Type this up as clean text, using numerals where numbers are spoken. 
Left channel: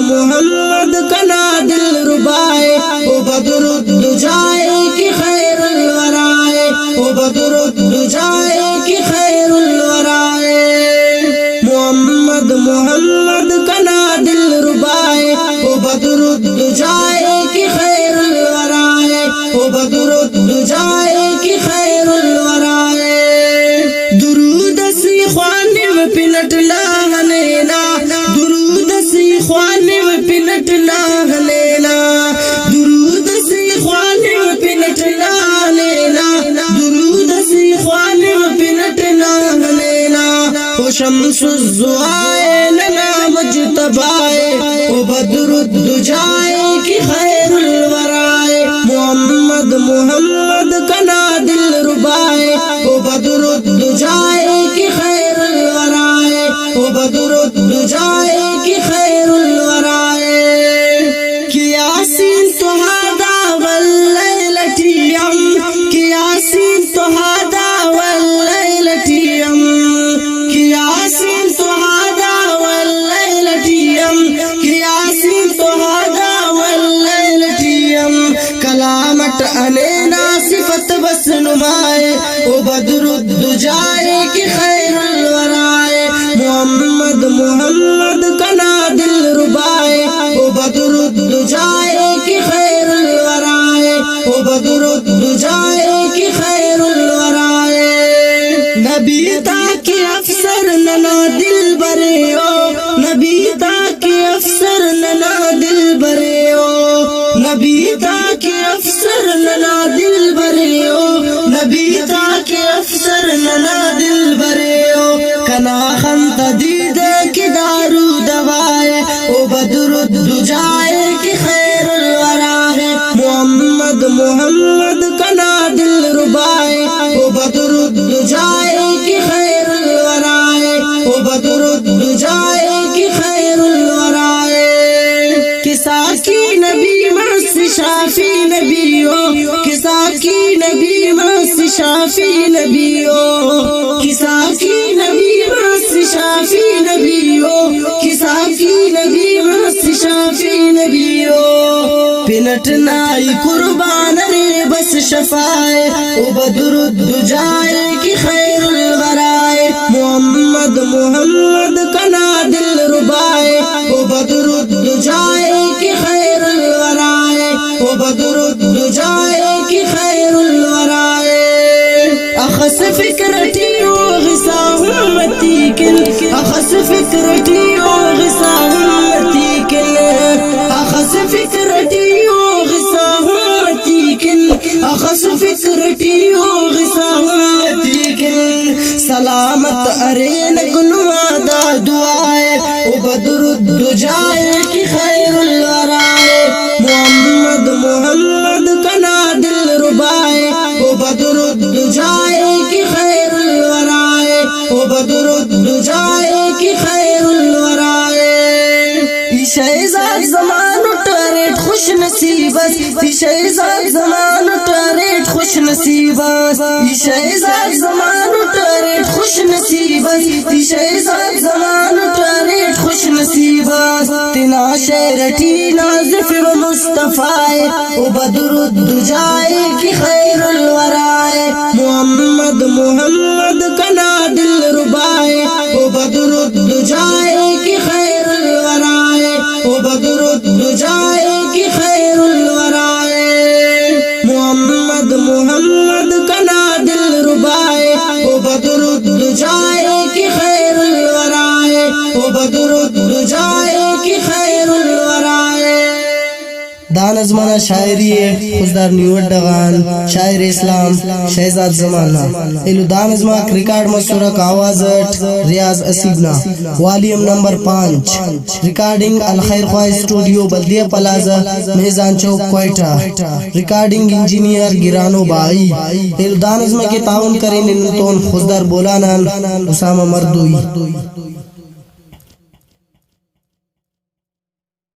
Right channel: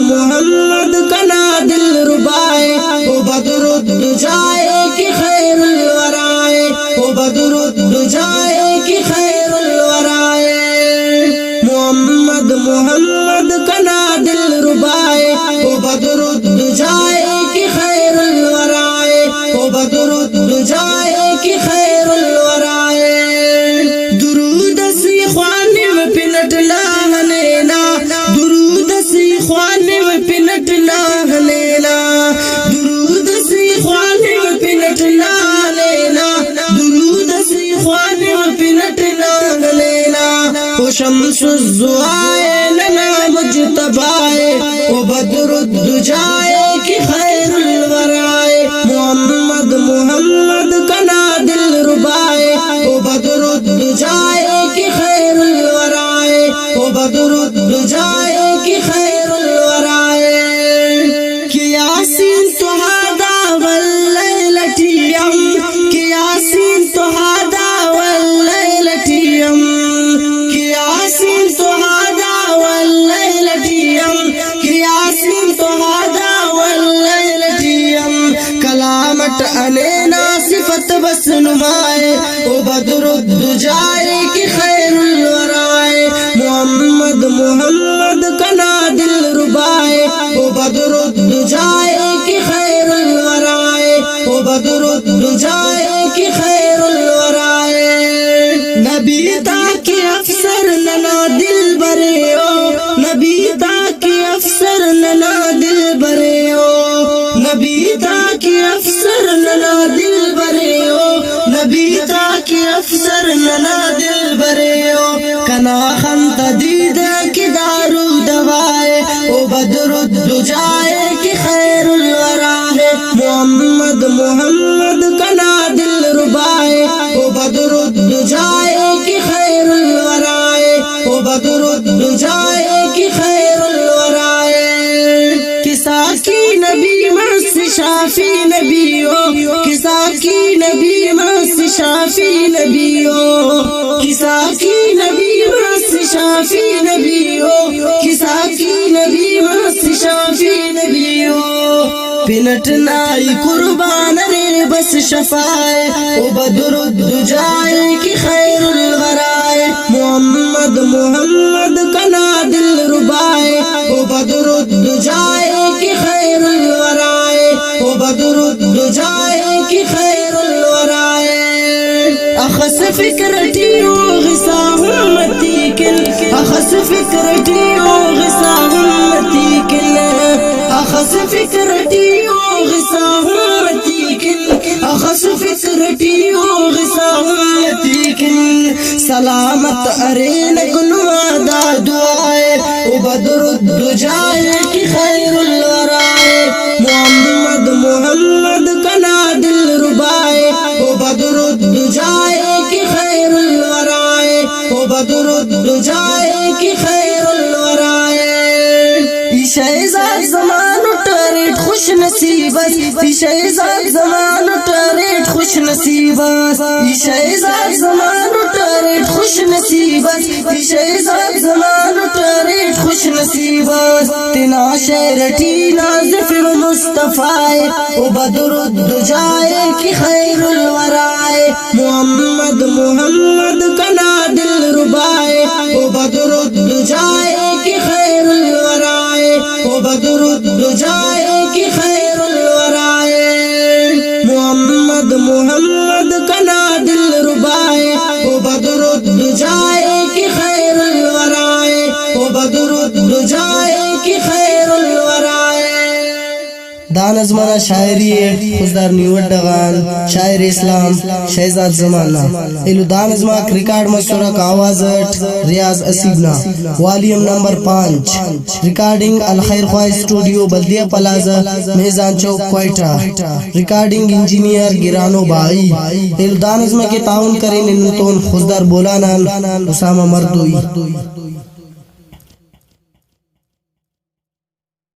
मोहम्मद कना दिल रुबाए ओ बदरुद्दुजाए की खैरुल वराए ओ बदरुद्दुजाए की खैरुल वराए मोहम्मद कना दिल रुबाए ओ बदरुद्दुजाए की खैरुल वराए ओ बदरुद्दुजाए की खैरुल वराए दुरूद सी ख्वाने में पिनटला हनेना दुरूद सी ख्वाने में पिनटला हनेना दुरूद सी ख्वाने में पिनटला हनेना दुरूद सी ख्वाने में पिनटला हनेना ओ शम्सुज़्ज़ुआए लना मुज्तबाए ओ बदरुद्दुजाए की खैरुल वराए मोहम्मद कना दिल रुबाए ओ बदरुद्दुजाए की खैरुल वराए ओ बदरुद्दुजाए की खैरुल वराए कि यासीन तुहादा वल्लैलटियम कि यासीन तुहादा वल्लैलटियम कि यासीन तुहादा वल्लैलटियम कि यासीन तुहादा वल्लैलटियम कलामत अलेना सिफत बस नुमाए ओ बदरुद्दुजाए की खैरुल वराए मोहम्मद कना दिल रुबाए ओ बदरुद्दुजाए की खैरुल वराए ओ बदरुद्दुजाए की खैरुल वराए नबी ताकि अफसर नना दिल बरे ओ नबी ताकि अफसर नना दिल बरे ओ नबी ताकि अफसर नना दिल बरे ओ नबी ताकि अफसर नना दिल बरे ओ कना खंत दीद की दारू दवाए ओ बदरुद्दुजाए की खैरुल वराए मोहम्मद कना दिल रुबाए ओ बदरुद्दुजाए की खैरुल वराए ओ बदरुद्दुजाए की खैरुल वराए किसा की नबी मस्त शाफी नबी ओ किसा की नबी मस्त शाफी नबी ओ किसा की नबी मस्त शाफी नबी ओ किसा की नबी मस्त शाफी नबी ओ पिनट नाई कुर्बान रे बस शफाए ओ बदरुद्दुजाए की खैरुल वराए मोहम्मद कना दिल रुबाए ओ बदरुद्दुजाए की खैरुल वराए ओ बदरुद्दुजाए की खैरुल वराए अखस फिक्रती ओ गिसा उम्मती किल अखस फिक्रती ओ गिसा उम्मती किल अखस फिक्रती ओ गिसा उम्मती किल अखस फिक्रती ओ गिसा उम्मती किल सलामत अरेन गुनवादा दुआए ओ बदरुद्दुजाए की खैरुल वराए मोहम्मद कना दिल रुबाए ओ बदरुद्दुजाए की खैरुल वराए ओ बदरुद्दुजाए की खैरुल वराए शहजाद ज़मानो टरेट खुश नसीबत शहजाद ज़मानो टरेट खुश नसीबत शहजाद ज़मानो टरेट खुश नसीबत शहजाद ज़मानो टरेट खुश नसीबत तिना शेरटी नाज़िफ व मुस्तफ़ाए ओ बदरुद्दुजाए की खैरुल वराए मोहम्मद कना दिल रुबाए ओ बदरुद्दुजाए की खैरुल वराए ओ बदरुद्दुजाए की खैरुल वराए मोहम्मद कना दिल रुबाए ओ बदरुद्दुजाए की खैरुल वराए ओ बदरुद्दुजाए की खैरुल वराए दान अजमाना शायरी खुशदार निवडगान शायर इस्लाम शहजाद जमाना इलु दान अजमा रिकॉर्ड मसुरक आवाज रियाज असीबना volume number 5 recording Al Khair Khwah studio Baldia plaza Mezan Chowk Quetta recording engineer गिरानो बाई इलु दान अजमा के ताउन करें नितोन खुशदार बोलाना उसामा मर्दुई।